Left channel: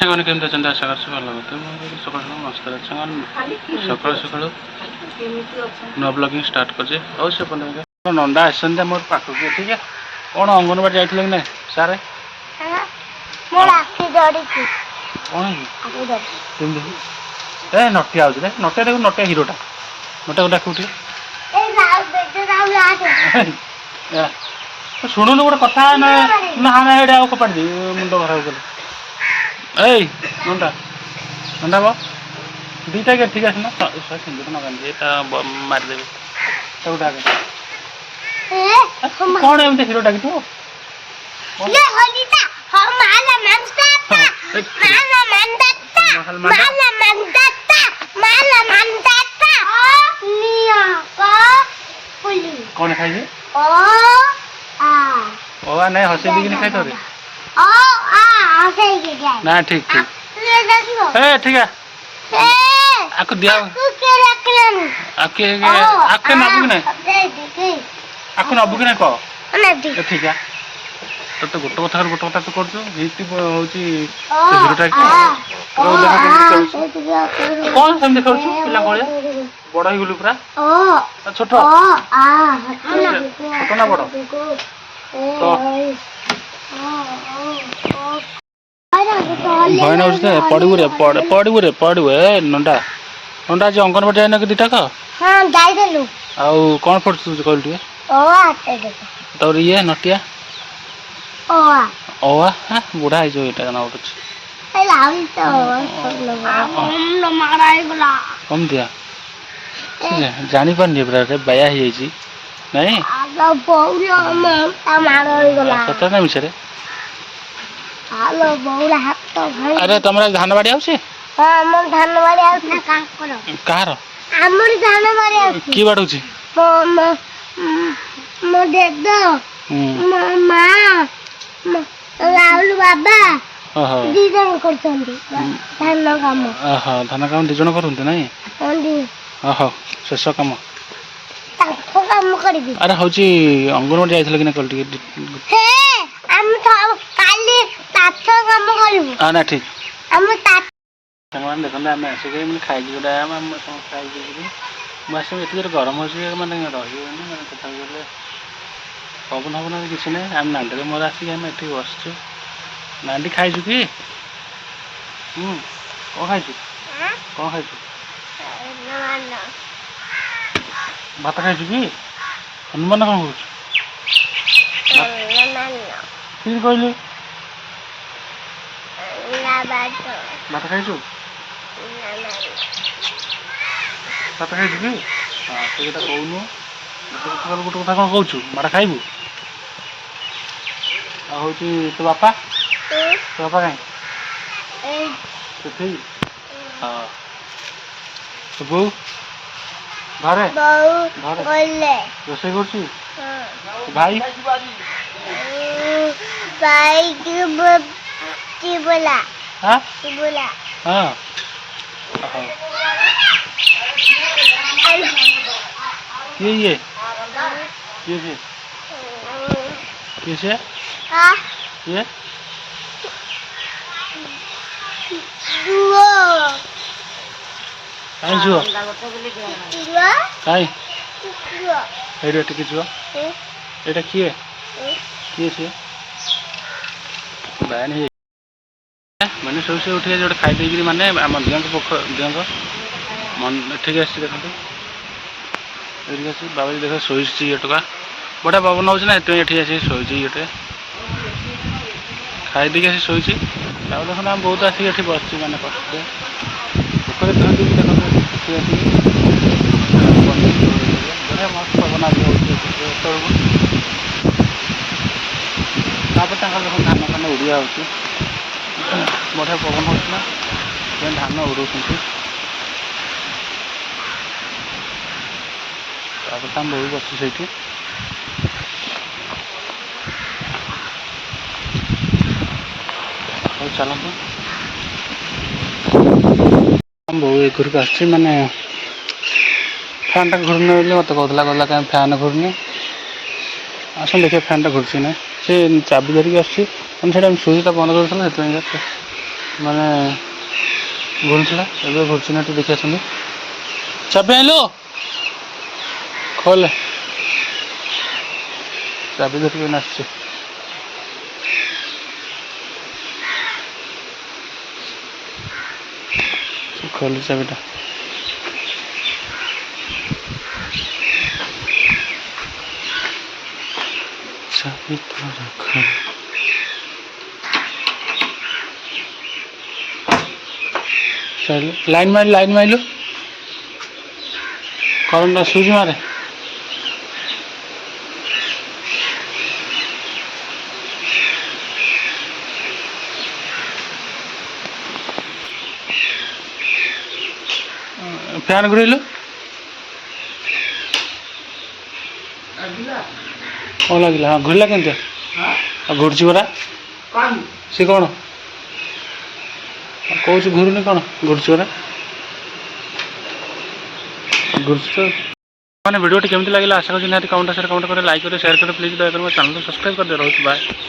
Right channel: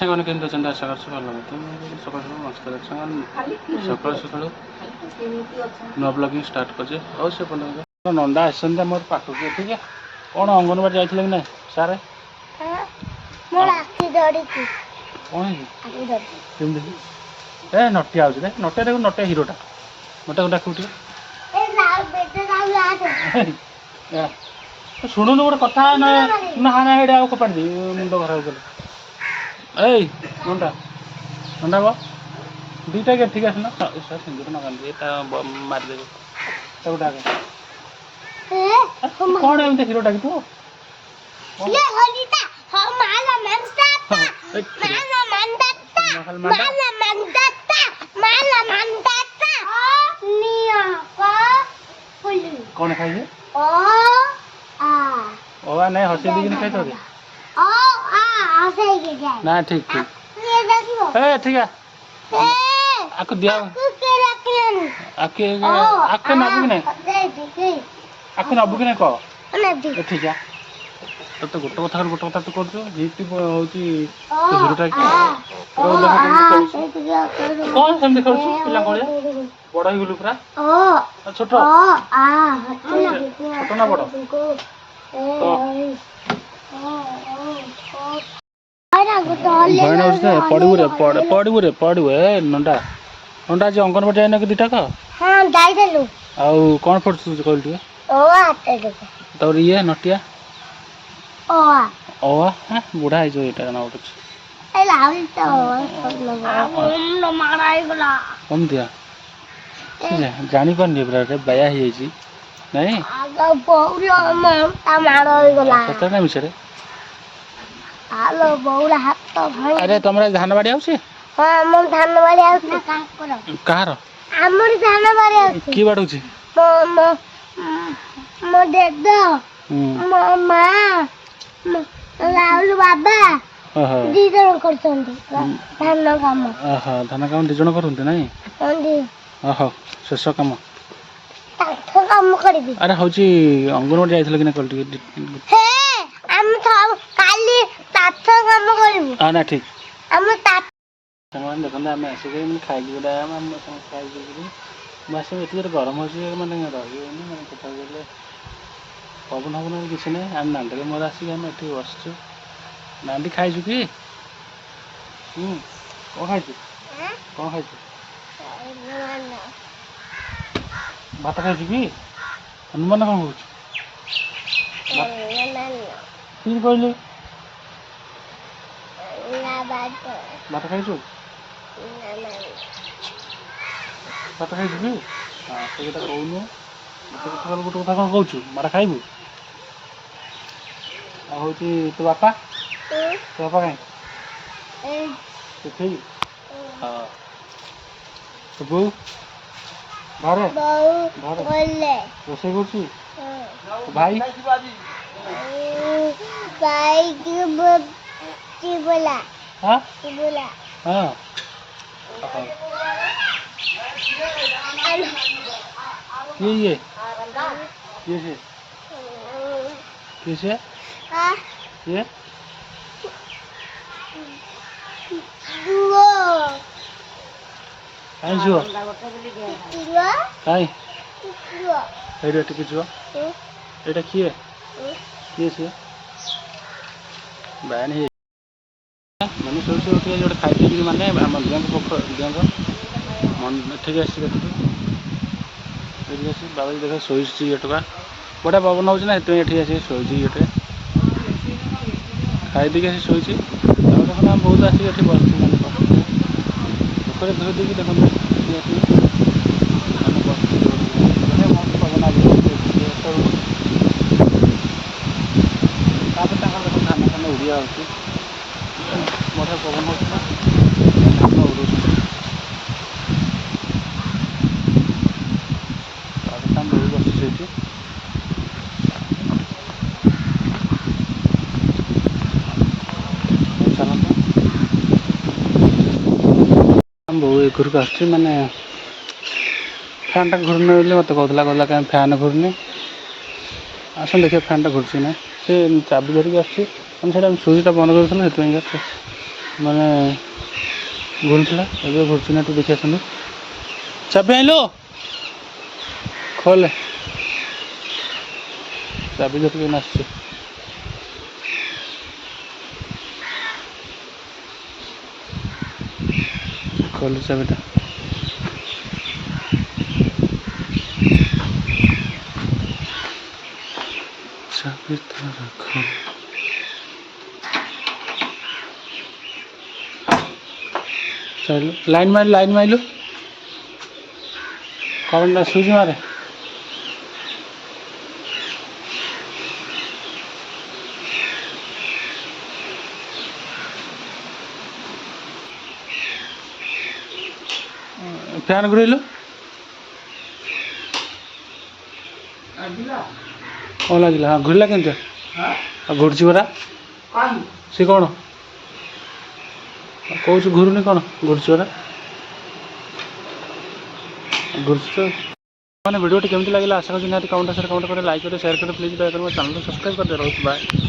ସାଙ୍ଗମାନେ କେମିତି ଅଛନ୍ତି? ଆଶା କରୁଛି ଭଲ କଥା। ମୁଁ ସକାଳୁ ସକାଳୁ ମସ୍ତ ଅଛି ସାଙ୍ଗମାନେ। ସକାଳୁ ସକାଳୁ ନୂଆ ବ୍ଲଗିଂ ଷ୍ଟାର୍ଟ କରିଛି। ଆଉ ସେ ନଣ୍ଡା ଆସିଛନ୍ତି ମୋର ପାଖକୁ। ଠିକ୍ କ'ଣ ଅଙ୍ଗନବାଡ଼ି ଯାଇଥିଲେ କି ନାହିଁ ସାର୍? କ'ଣ ହେଇଛି? କେମିତି ଏ ନଟିଆ ଆଉଛି ରେ? ନଟିଆ ଦେଖୁ, ନଟିଆ ହିରୋଟା। ନଟିଆକୁ ଡାକିବୁ ଟିକେ। ଶୁଣୁନୁ ଗୋଟେ କଥା ନା ଏଇଟା ଆଉ ଫୋପାଡ଼ି ମୁଣ୍ଡ ଖରାପ କଲେ। ଏଇ ନଣ୍ଡା ନଣ୍ଡା ବ ଦୁଇଟା କି ଠିକ୍ ଆସିନା ସିନ୍ଦୁର ନଗାନ୍ତି ତା ମାରିଦେବେ ତାକୁ ଡାକେ। କ'ଣ ଏମିତି ହିରୋ ଡାକିଥିବ? କ'ଣ ଖାଇଛି? ଓ ନାଇଁ ହସେଇ ଦେଇକିନି ଖାଇଥାଉ ନା ଠିକ୍ ଠିକ୍ ଏ ଠିକ୍ ଆକୁ ଦିଆ ଆକୁ ନବୁ କି ନାହିଁ? ଆକୁ ନବୁ କି ନାହିଁ କହ? ଠିକ୍ ତୋତେ ଗୋଟେ କଥା ଗୋଟେ କଥା ତୁ କରୁଛୁ। ଭିତ୍ତି ହେଉଛି ସେ ହିରୋଟା କ'ଣ ସେମିତି ଖେଳୁଛୁ ପିଲା ଭଳିଆ? ବଡ଼ ହେଇଗଲୁ ପୁରା ଛୋଟ ଛୋଟ ନା ବଡ଼? ଭୟ ନାଗୁଛି ପଡ଼ିବୁ ଏ ନଣ୍ଡା ନଣ୍ଡା ଆଜି ଅଙ୍ଗନବାଡ଼ି ଯାଇନ କି ଦୁଇଟାକ? ଆଉ କ'ଣ ପଢ଼ୁଛୁ କହିଲୁ ଟିକେ? ତାପରେ ଇଏ ନଟିଆ ଅଆ ବୁଢ଼ା ହେଇଯିବ ଏଇଟା ଜଣା ପଡ଼ୁଛି। କମ୍ ଦିଆ ଜାଣିପାରୁନି ପୁରା ବାୟା ହେଇଯାଇଛି ନାଇଁ ସତ ନା ମିଛରେ? ଆରେ ତମର ଧାନ ବାଡ଼ି ଆଉଛି? କାହାର? କିଏ ବାଡ଼ଉଛି? ଧାନ କାମ 2 ଜଣ କରନ୍ତି ନାଇଁ? ହଉ ଶେଷ କାମ। ଆରେ ହଉଛି ଅଙ୍ଗନବାଡ଼ି ଯାଇଥିଲ କି ନା କହିଲୁ ଟିକେ? ନା ଠିକ୍ ସାଙ୍ଗମାନେ ଦେଖନ୍ତୁ ଆମେ ଆସିକି ମାନେ ଖାଇକି ଯୋଉଟା ଆମେ ସମସ୍ତେ ଖାଇକି ମୁଁ ଆସିବି ଏତେ ଜୋରେ ଗରମ ହେଉଛି ମାନେ ରହିବନି ମାନେ ତଥାପି ଗଲେ ପବନ ଫବନ କିଛି ନାହିଁ। ଆମେ ନାଣ୍ଡିରେ ମୋର ଆସିକି ଆମେ ଏଠି ବସିଛୁ। ନାଣ୍ଡି ଖାଇଛୁ କି? କ'ଣ ଖାଇଛୁ? କ'ଣ ଖାଇଛୁ? ଭାତ ଖାଇଛୁ କି? ହନୁମାନ କ'ଣ କହୁଛୁ? ଠିକ୍ କହିଲୁ। ଭାତ ଖାଇଛୁ? ଭାତ ଖାଇଛୁ କି? ସେ କଥା କହୁନୁ। ଗୋଟେ କଥା କ'ଣ କହୁଛୁ? ମାଡ଼ ଖାଇବୁ? ଆଉ ହେଉଛି ତୋ ବାପା କାହିଁ ସେଠି? ହଁ ତୋ ବୋଉ ଘରେ ରୋଷେଇ କରୁଛୁ? ଭାଇ ହଁ କିଏ ଇଏ? କିଏ ସେ? କିଏ ସେ? କିଏ? କାହିଁ ଝୁଅ? କାହିଁ ଏଇଟା ଟିକେ ଝୁଅ ଏଇଟା କିଏ? କିଏ ସିଏ? ବାୟାଣୀ ମାନେ ସବୁ ସେ ଉଠିକି ଗୋଟେ ଖାଇ ଦେଇକିରି ମାନେ ଆମ ଦିଅଙ୍କ ଏଠିକି ଆସିଛି ଦେଖନ୍ତୁ। ଏଠିକି ଆସିଛି ବାବାଜୀ ଦେଖ ଶୋଇଛି ଇଏ ଟୋକା ବଢ଼ିଆ ପବନ ହେଉଛି ନା ସେଥିପାଇଁ ଏଠି ଆସିକି ଶୋଇଛି ଇଏଟେ ଖାଇ ଦେଇକି ଆସି ଶୋଇଛି। ତାପରେ ଦେଖନ୍ତୁ ଆମେ ବହୁତ ଆସିକି ଏଠି ବସିଛୁ ମାନେ ଉପରେ ଧୋଇ ଦେଇକି ଦେଖନ୍ତୁ ବଢ଼ିଆ ମସ୍ତ ପବନ ଆଜି ହେଉଛି ଏତେବେଳକୁ। ତାପରେ ତାଙ୍କର ଦେଖନ୍ତୁ ଧାନ ଫାନ ଉଡ଼ିଆ ହେଉଛି ବଢ଼ିଆ ପବନ ହେଉଥିଲା ଧାନ ଉଡ଼ଉଛନ୍ତି। ତାପରେ ଆମେ ବୋଉ ବସିଛୁ ସେଇଠି। ହଉ ଚାଲନ୍ତୁ ଆମ ବୋଉ ଏ ଘରକୁ ଆସିଛି ମାନେ ଫ୍ୟାନ୍ଟା ଘୁରୁନି ବୋଲି ମୋତେ କହୁଥିଲା କାହିଁ ଫ୍ୟାନ୍ ଘୁରୁନି। ଆସନ୍ତୁ ଦେଖିବା ଫ୍ୟାନ୍ଟା ଘୁରୁଛି ନା। ସେ ଚାବି ଧରିକି ଆସୁଛି ମାନେ ସେଇଟା ସୁଇଚ୍ଟା ବନ୍ଦ କରୁଥିଲା ସେଥିପାଇଁ ମାନେ ଘୁରୁଥିଲା ଏବେ ଘୁରୁଛି ନା ଟିକେ ଦେଖି ଆସନ୍ତୁ। ଚାବି ଆଣିଲୁ ଖୋଲେ ଚାବି ଧରିକି ନାଚୁଛି। ଖୋଲେ ଚାବିଟା। ଚାବି ତ ରଖ। ଲାଇନ୍ ମାରିଲୁ କରେଣ୍ଟ ସୁଇଚ୍ ମାରେ। ଫ୍ୟାନ୍ ଘୁରେଇଲୁ କ'ଣ ଲାଗିଲା? ହଁ ଘୁରିଲା କେମିତି? ଆଉ ଘୁରୁଛି ପରା ସେ କ'ଣ କହୁଛୁ ଘୁରୁନି କ'ଣ ଘୁରୁଛି ପରା ଘୁରୁଛି ତ। ମାନେ ଭିଡ଼ିଓଟି କେମିତି ଲାଗିଲା ଆଶା କରୁଛି ନିହାତି କମେଣ୍ଟ କରି ଲାଇକ୍ କରି ସେୟାର କରି ପ୍ଲିଜ୍ ଦୟାକରି ମୋ ଚ୍ୟାନେଲକୁ ସବସ୍କ୍ରାଇବ୍ କରିଦେବେ। ରହୁଛି ବାଏ।